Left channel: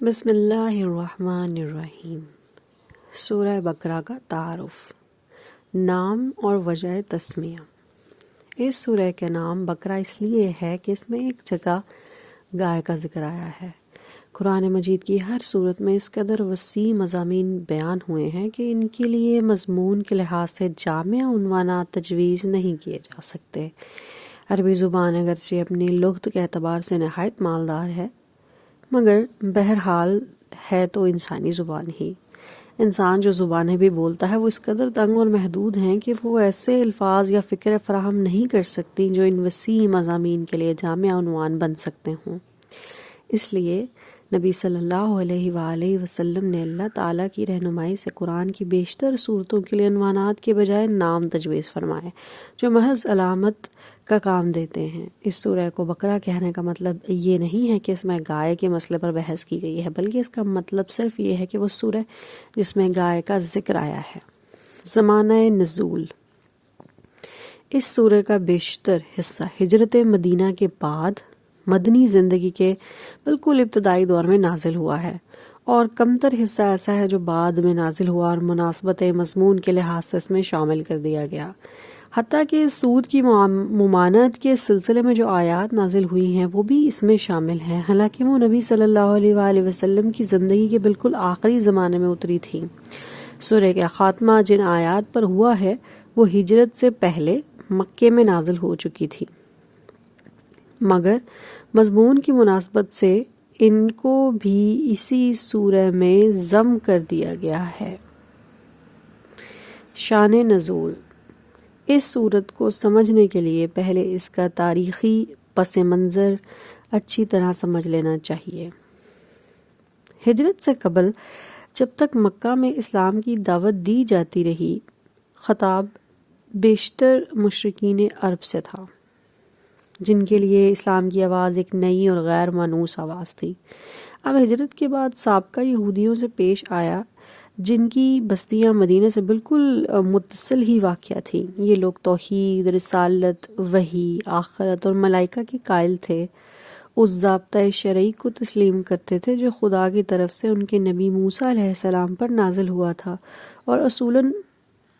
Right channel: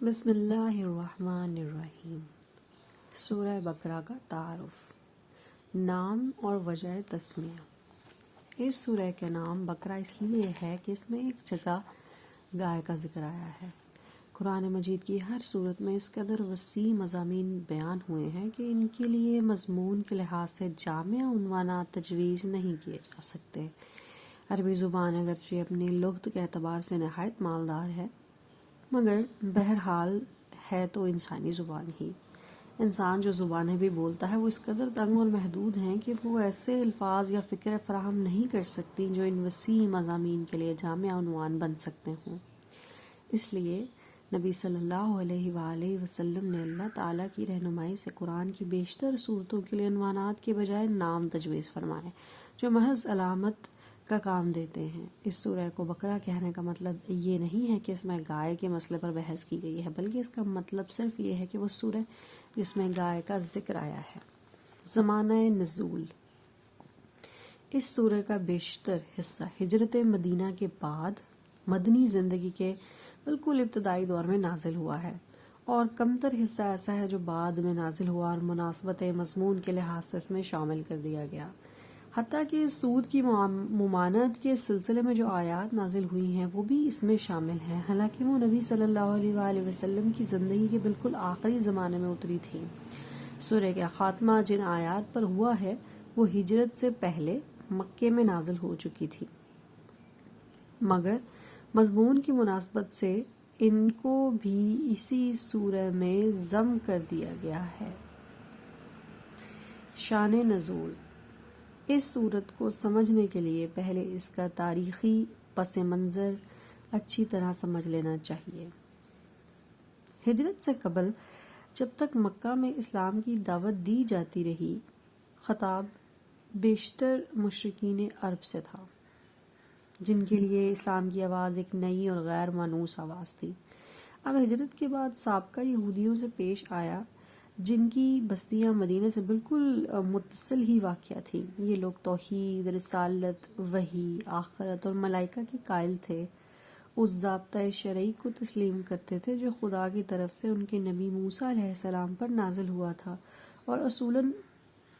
بسم اللہ الرحمن الرحیم۔ سورہ بقرہ کا تعارف، نام اور وجہ تسمیہ۔ اس سورہ کا نام بقرہ اس لیے ہے کہ اس میں ایک جگہ گائے کا ذکر آیا ہے۔ قرآن مجید کی ہر صورت میں اس قدر وسیع مضامین بیان ہوئے ہیں کہ ان کے لیے مضمون کے لحاظ سے جامع عنوانات تجویز نہیں کیے جا سکتے۔ عربی زبان اگرچہ اپنی لغت کے اعتبار سے نہایت مالدار ہے، مگر بہرحال ہے تو انسانی زبان ہی۔ انسان جو زبانیں بھی بولتا ہے وہ اس قدر تنگ اور محدود ہیں کہ وہ ایسے الفاظ یا فکر فراہم نہیں کر سکتی جو ان وسیع مضامین کے لیے جامع عنوان بن سکتے ہوں۔ اس لیے نبی صلی اللہ علیہ وآلہ وسلم نے اللہ تعالیٰ کی رہنمائی سے قرآن کی بیشتر صورتوں کے لیے عنوانات کے بجائے نام تجویز فرمائے، جو محض علامت کا کام دیتے ہیں۔ اس سورہ کو بقرہ کہنے کا مطلب یہ نہیں ہے کہ اس میں گائے کے مسئلے پر بحث کی گئی ہے، بلکہ اس کا مطلب صرف یہ ہے کہ وہ سورہ جس میں گائے کا ذکر آیا ہے۔ زمانہ نزول۔ اس سورہ کا بیشتر حصہ ہجرت مدینہ کے بعد مدنی زندگی کے بالکل ابتدائی دور میں نازل ہوا ہے، اور کمتر حصہ ایسا ہے جو بعد میں نازل ہوا اور مناسبت مضمون کے لحاظ سے اس میں شامل کر دیا گیا۔ حتیٰ کہ سود کی ممانعت کے سلسلے میں جو آیات نازل ہوئی ہیں وہ بھی اس میں شامل ہیں، حالانکہ وہ نبی صلی اللہ علیہ وآلہ وسلم کی زندگی کے بالکل آخری زمانے میں اتری تھیں۔ سورہ کا خاتمہ جن آیات پر ہوا ہے وہ ہجرت سے پہلے مکے میں نازل ہو چکی تھی، مگر مضمون کی مناسبت سے ان کو بھی اسی سورہ میں ضم کر دیا گیا ہے۔ شان نزول۔ اس صورت کو سمجھنے کے لیے پہلے اس کا تاریخی پس منظر اچھی طرح سمجھ لینا چاہیے۔ ہجرت سے قبل جب تک مکہ میں اسلام کی دعوت دی جاتی رہی، خطاب بیشتر مشرکین عرب سے تھا، جن کے لیے اسلام کی آواز ایک نئی اور غیر مانوس آواز تھی۔ اب ہجرت کے بعد سابقہ یہودیوں سے پیش آیا، جن کی بستیاں مدینہ سے بالکل متصل ہی واقع تھیں۔ یہ لوگ توحید، رسالت، وحی، آخرت اور ملائکہ کے قائل تھے، اس ضابطۂ شرعی کو تسلیم کرتے تھے جو خدا کی طرف سے ان کے نبی موسیٰ علیہ السلام پر نازل ہوا تھا، اور اصولاً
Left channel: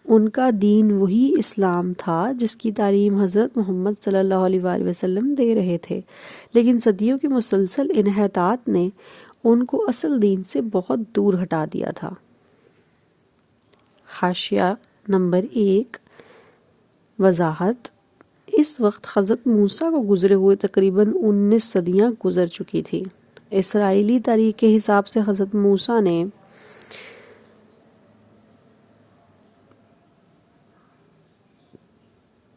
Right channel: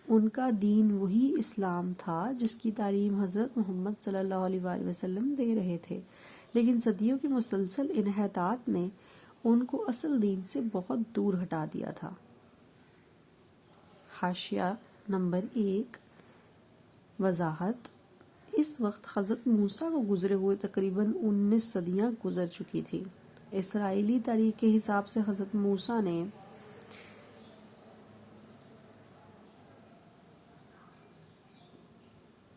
ان کا دین وہی اسلام تھا جس کی تعلیم حضرت محمد صلی اللہ علیہ وآلہ وسلم دے رہے تھے، لیکن صدیوں کی مسلسل انحطاط نے ان کو اصل دین سے بہت دور ہٹا دیا تھا۔ حاشیہ نمبر 1۔ وضاحت: اس وقت حضرت موسیٰ کو گزرے ہوئے تقریباً 19 صدیاں گزر چکی تھی۔ اسرائیلی تاریخ کے حساب سے حضرت موسیٰ نے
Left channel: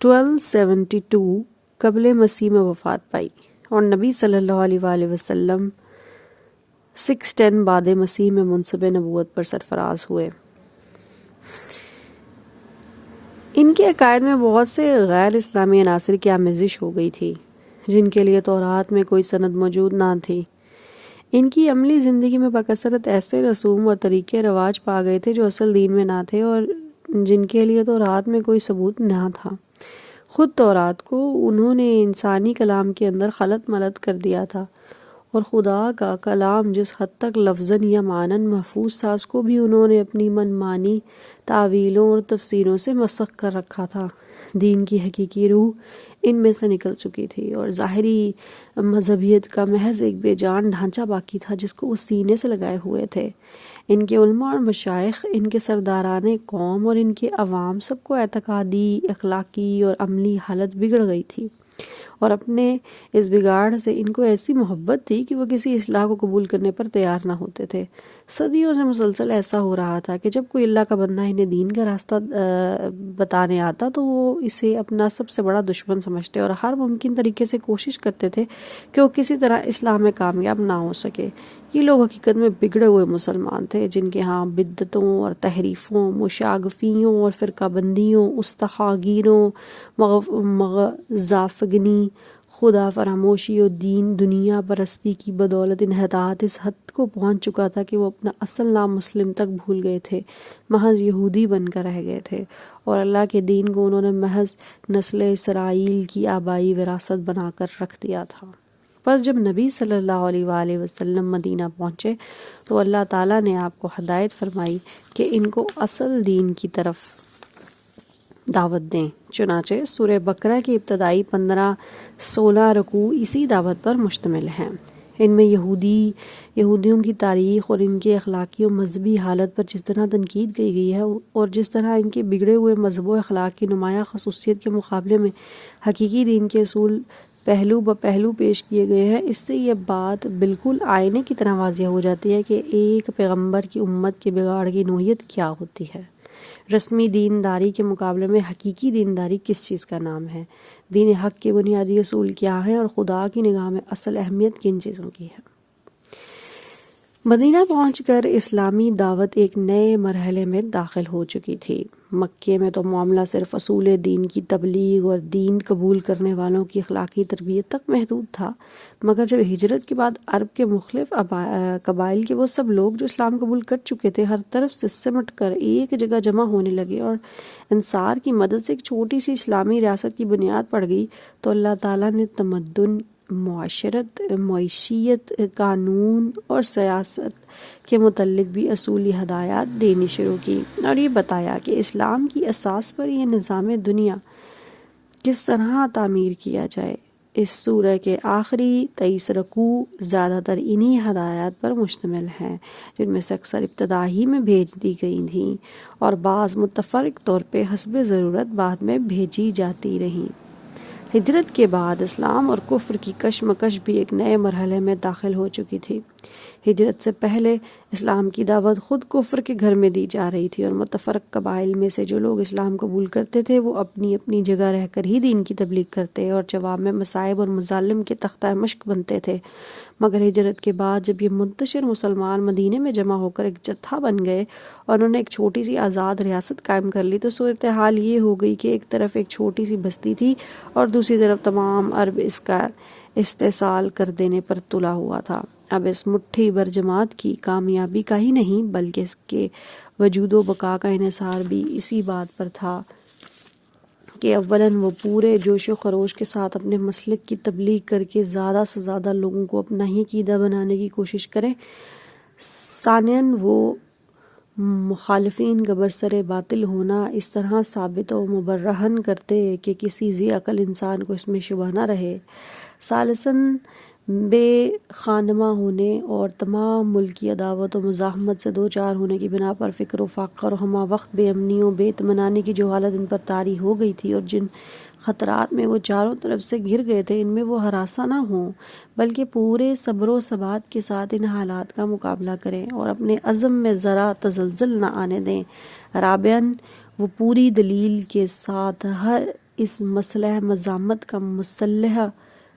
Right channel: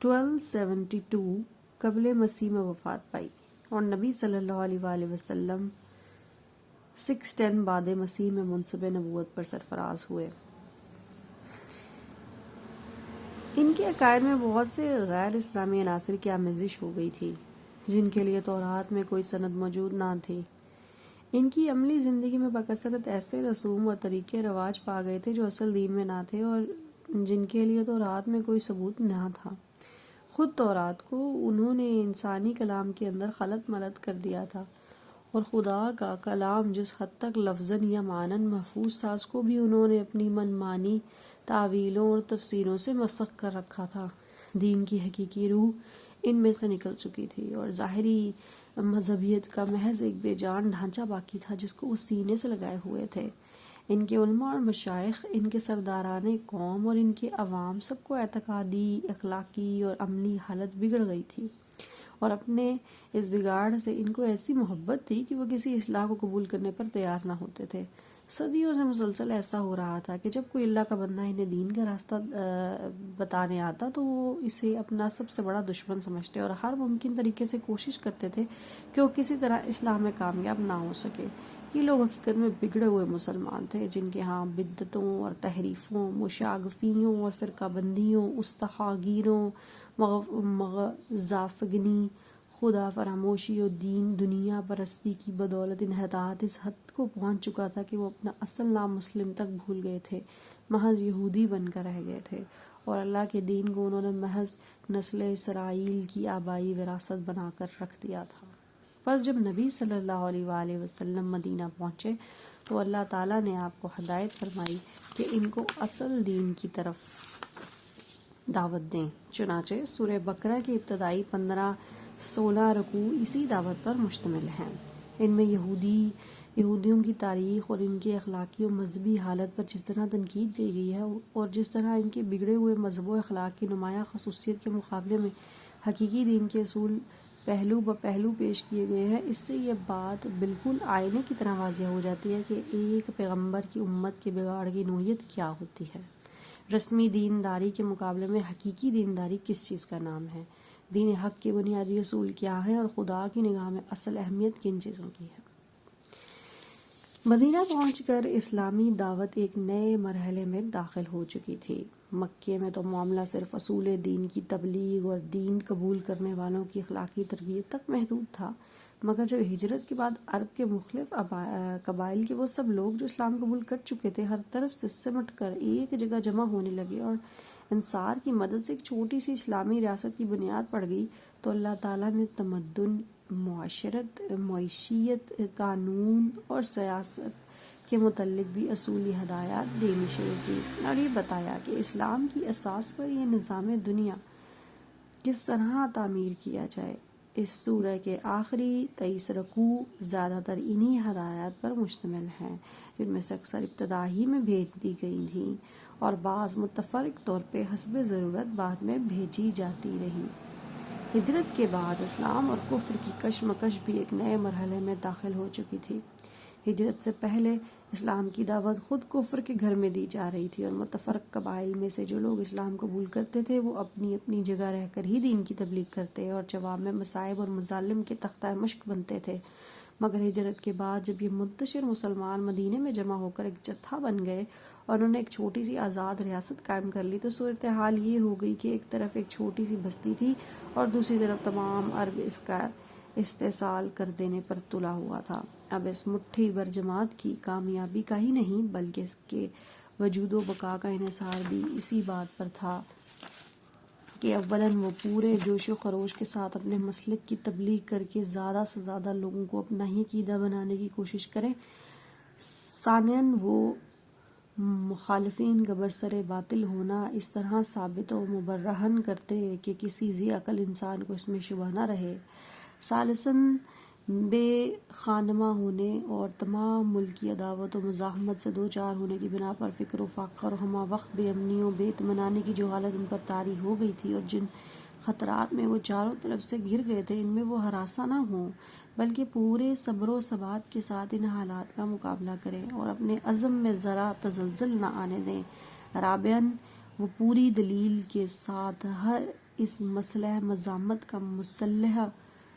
1272 قبل مسیح میں وفات پائی، اور نبی صلی اللہ علیہ وآلہ وسلم 610 بعد مسیح میں منصب نبوت پر سرفراز ہوئے۔ ان کے عقائد میں بہت سے غیر اسلامی عناصر کی آمیزش ہو گئی تھی، جن کے لیے تورات میں کوئی سند موجود نہ تھی۔ ان کی عملی زندگی میں بکثرت ایسے رسوم اور طریقے رواج پا گئے تھے جو اصل دین میں نہ تھے اور جن کے لیے تورات میں کوئی ثبوت نہ تھا۔ خود تورات کو انہوں نے انسانی کلام کے اندر خلط ملط کر دیا تھا، اور خدا کا کلام جس حد تک لفظاً یا معناً محفوظ تھا اس کو بھی انہوں نے اپنی من مانی تعویلوں اور تفسیروں سے مسخ کر رکھا تھا۔ دین کی حقیقی روح ان میں سے نکل چکی تھی، اور ظاہری مذہبیت کا محض ایک بے جان ڈھانچہ باقی تھا جس کو وہ سینے سے لگائے ہوئے تھے۔ ان کے علماء اور مشائخ، ان کے سرداران قوم اور ان کے عوام، سب کو اعتقادی، اخلاقی اور عملی حالت بگڑ گئی تھی، اور اپنے اس بگاڑ سے ان کو ایسی محبت تھی کہ وہ کسی اصلاح کو قبول کرنے پر تیار نہ ہوتے تھے۔ صدیوں سے مسلسل ایسا ہو رہا تھا کہ جب کوئی اللہ کا بندہ انہیں دین کا راستہ بتانے آتا تو وہ اسے اپنا سب سے بڑا دشمن سمجھتے اور ہر ممکن طریقے سے کوشش کرتے تھے کہ وہ کسی طرح اسلام میں کامیاب نہ ہو سکے۔ یہ لوگ حقیقت میں بگڑے ہوئے مسلمان تھے، جن کے ہاں بدعتوں اور تحریفوں، مشاغفیوں اور فرقہ بندیوں، استخاگیروں، مغزافگنی، خدا فراموشی اور دنیا پرستی کی بدولت انحطاط اس حد کو پہنچ چکا تھا کہ وہ اپنا اصل نام مسلم تک بھول گئے تھے، محض یہودی بن کر رہ گئے تھے، اور اللہ کے دین کو انہوں نے محض نسل اسرائیل کی آبائی وراثت بنا کر رکھ دیا تھا۔ بس جب نبی صلی اللہ علیہ وآلہ وسلم مدینہ پہنچے تو اللہ تعالیٰ نے آپ کو ہدایت فرمائی کہ ان کو اصل دین کی طرف دعوت دیں۔ چنانچہ سورہ بقرہ کی ابتدائی 15-16 رکوع اسی دعوت پر مشتمل ہیں۔ ان میں یہودیوں کی تاریخ اور ان کے اخلاقی و مذہبی حالت پر جس طرح تنقید کی گئی ہے اور جس طرح ان کے بگڑے ہوئے مذہب و اخلاق کی نمایاں خصوصیت کے مقابلے میں حقیقی دین کے اصول پہلو بہ پہلو پیش کیے گئے ہیں، اس سے یہ بات بالکل آئینے کی طرح واضح ہو جاتی ہے کہ ایک پیغمبر کی امت کے بگاڑ کی نوعیت کیا ہوتی ہے۔ رسمی دینداری کے مقابلے میں حقیقی دینداری کس چیز کا نام ہے، دین حق کے بنیادی اصول کیا ہیں اور خدا کی نگاہ میں اصل اہمیت کن چیزوں کی ہے۔ مدینہ پہنچ کر اسلامی دعوت ایک نئے مرحلے میں داخل ہو چکی تھی۔ مکے میں تو معاملہ صرف اصول دین کی تبلیغ اور دین قبول کرنے والوں کی اخلاقی تربیت تک محدود تھا، مگر جب ہجرت کے بعد عرب کے مختلف قبائل کے وہ سب لوگ جو اسلام قبول کر چکے تھے ہر طرف سے سمٹ کر ایک جگہ جمع ہونے لگے اور انصار کی مدد سے ایک چھوٹی سی اسلامی ریاست کی بنیاد پڑ گئی، تو اللہ تعالیٰ نے تمدن، معاشرت، معیشیت، قانون اور سیاست کے متعلق بھی اصولی ہدایات دینی شروع کی اور یہ بتایا کہ اسلام کی اساس پر یہ نظام دنیا کس طرح تعمیر کیا جائے۔ اس سورہ کے آخری 23 رکوع زیادہ تر انہی ہدایات پر مشتمل ہیں، جن میں سے اکثر ابتدا ہی میں بھیج دی گئی تھیں اور بعض متفرق طور پہ حسب ضرورت بعد میں بھیجی جاتی رہیں۔ ہجرت کے بعد اسلام اور کفر کی کشمکش بھی ایک نئے مرحلے میں داخل ہو چکی تھی۔ ہجرت سے پہلے اسلام کی دعوت خود کفر کے گھر میں دی جا رہی تھی اور متفرق قبائل میں سے جو لوگ اسلام قبول کرتے تھے وہ اپنی اپنی جگہ رہ کر ہی دین کی تبلیغ کرتے اور جواب میں مصائب اور مظالم کے تختہ مشق بنتے تھے، مگر ہجرت کے بعد جب یہ منتشر مسلمان مدینے میں جمع ہو کر ایک جتھا بن گئے اور انہوں نے ایک چھوٹی سی آزاد ریاست قائم کر لی تو صورتحال یہ ہو گئی کہ ایک طرف ایک چھوٹی سی بستی تھی اور دوسری طرف تمام عرب اس کا استحصال کر دینے پر تلا ہوا تھا۔ اب اس مٹھی بھر جماعت کی کامیابی کا ہی نہیں بلکہ اس کے وجود و بقا کا انحصار بھی اسی بات پر تھا کہ اولاً وہ پورے جوش و خروش کے ساتھ اپنے مسلک کی تبلیغ کر کے زیادہ سے زیادہ لوگوں کو اپنا ہی عقیدہ بنانے کی کوشش کریں، ثانیاً وہ مخالفین کا برسر باطل ہونا اس طرح ثابت و مبرہن کرتے کہ کسی ذی عقل انسان کو اس میں شبہ نہ رہے، ثالثاً بے خانمہ ہونے اور تمام ملکی عداوت و مزاحمت سے دوچار ہونے کی بنا پر فکر و فاقہ اور ہمہ وقت بے امنی و بے اطمینانی کی جو حالت ان پر طاری ہو گئی تھی اور جن خطرات میں وہ چاروں طرف سے گھر گئے تھے، ان میں وہ ہراساں نہ ہوں بلکہ پورے صبر و ثبات کے ساتھ ان حالات کا مقابلہ کریں اور اپنے عزم میں ذرا تزلزل نہ آنے دیں۔ رابعاً وہ پوری دلیل کے ساتھ ہر اس مسلح مزاحمت کا مسلح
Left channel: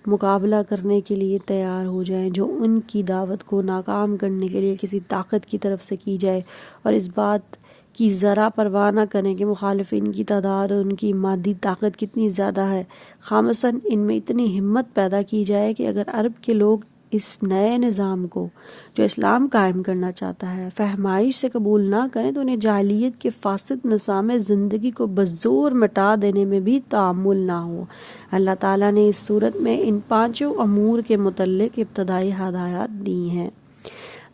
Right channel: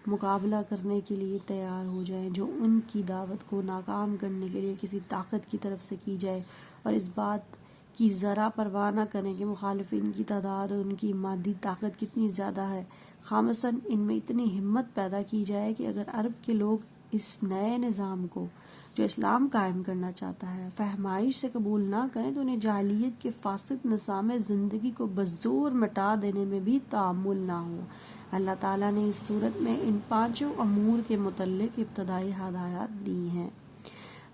مقابلہ کرنے کے لیے تیار ہو جائیں جو ان کی دعوت کو ناکام کرنے کے لیے کسی طاقت کی طرف سے کی جائے، اور اس بات کی ذرا پرواہ نہ کریں کہ مخالفین کی تعداد اور ان کی مادی طاقت کتنی زیادہ ہے۔ خامساً ان میں اتنی ہمت پیدا کی جائے کہ اگر عرب کے لوگ اس نئے نظام کو جو اسلام قائم کرنا چاہتا ہے فہمائش سے قبول نہ کریں تو انہیں جاہلیت کے فاسد نظام زندگی کو بزور مٹا دینے میں بھی تأمل نہ ہو۔ اللہ تعالیٰ نے اس صورت میں ان 5 امور کے متعلق ابتدائی ہدایات دی ہیں۔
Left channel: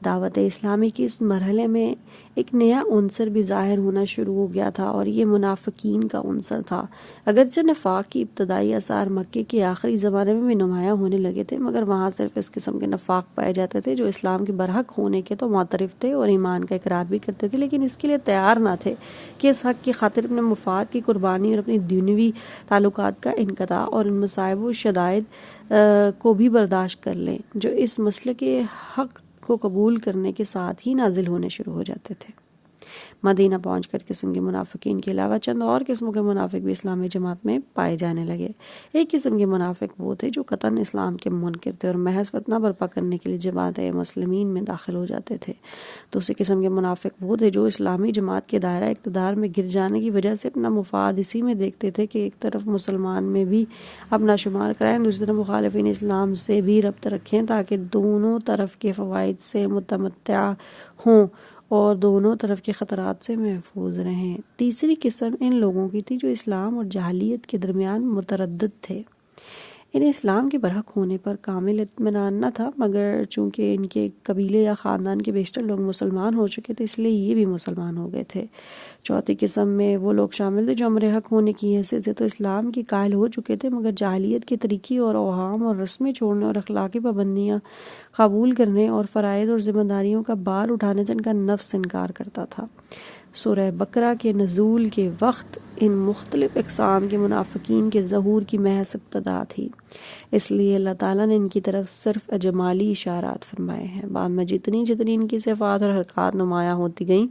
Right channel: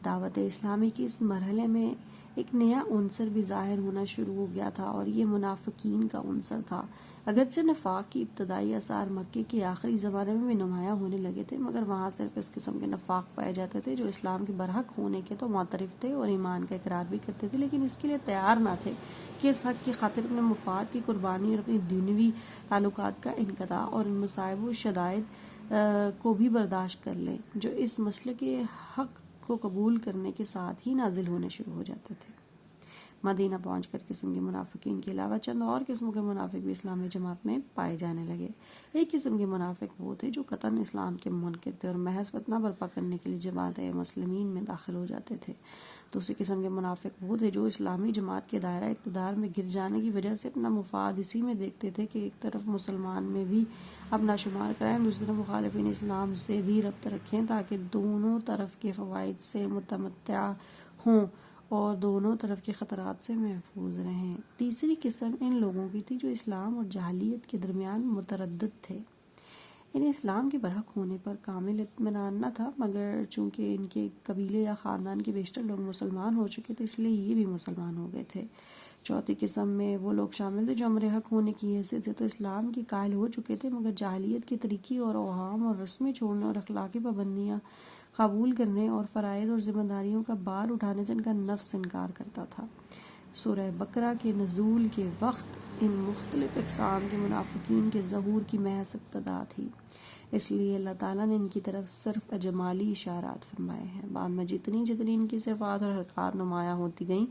دعوت اسلامی کے اس مرحلے میں ایک نیا عنصر بھی ظاہر ہونا شروع ہو گیا تھا اور یہ منافقین کا عنصر تھا۔ اگرچہ نفاق کی ابتدائی آثار مکے کے آخری زمانے میں بھی نمایاں ہونے لگے تھے، مگر وہاں صرف اس قسم کے نفاق پائے جاتے تھے جو اسلام کے برحق ہونے کے تو معترف تھے اور ایمان کا اقرار بھی کرتے تھے، لیکن اس کے لیے تیار نہ تھے کہ اس حق کی خاطر اپنے مفاد کی قربانی اور اپنی دنیوی تعلقات کا انقطاع اور ان مصائب و شدائد کو بھی برداشت کر لیں جو اس مسلک حق کو قبول کرنے کے ساتھ ہی نازل ہونے شروع ہو جاتے تھے۔ مدینہ پہنچ کر قسم کے منافقین کے علاوہ چند اور قسموں کے منافق بھی اسلامی جماعت میں پائے جانے لگے۔ ایک قسم کے منافق وہ تھے جو قطعاً اسلام کے منکر تھے اور محض فتنہ برپا کرنے کے لیے جماعت مسلمین میں داخل ہو جاتے تھے۔ دوسری قسم کے منافق وہ تھے جو اسلامی جماعت کے دائرہ اقتدار میں گر جانے کی وجہ سے اپنا مفاد اسی میں دیکھتے تھے کہ ایک طرف مسلمان میں بھی اپنا شمار کرائیں، دوسری طرف مخالفین اسلام سے بھی ربط رکھیں تاکہ دونوں طرف کے فوائد سے متمتع ہوں اور دونوں طرف کے خطرات سے محفوظ رہیں۔ تیسری قسم ان لوگوں کی تھی جو اسلام اور جاہلیت کے درمیان متردد تھے۔ انہیں اسلام کے برحق ہونے پر کامل اطمینان نہ تھا، مگر چونکہ ان کے قبیلے یا خاندان کے بیشتر لوگ مسلمان ہو چکے تھے، اس لیے یہ بھی مسلمان ہو گئے تھے۔ چوتھی قسم میں وہ لوگ شامل تھے جو امر حق ہونے کی حیثیت سے تو اسلام کی قائل ہو چکے تھے، مگر جاہلیت کے طریقے اور اوہام اور رسمیں چھوڑنے اور اخلاقی پابندیاں قبول کرنے اور فرائض اور ذمہ داریوں کا بار اٹھانے سے ان کا نفس انکار کرتا تھا۔ سورہ بقرہ کے نزول کے وقت ان مختلف اقسام کے منافقین کے ظہور کی محض ابتدا تھی، اس لیے اللہ تعالیٰ نے ان کی طرف صرف اجمالی اشارات فرمائے ہیں۔ بعد میں جتنی ان کی صفات اور حرکات نمایاں ہوتی گئیں،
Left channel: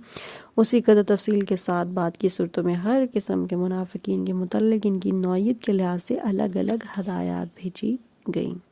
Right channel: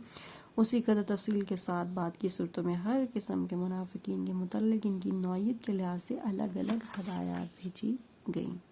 اسی قدر تفصیل کے ساتھ بعد کی صورتوں میں ہر قسم کے منافقین کے متعلق ان کی نوعیت کے لحاظ سے الگ الگ ہدایات بھیجی گئیں۔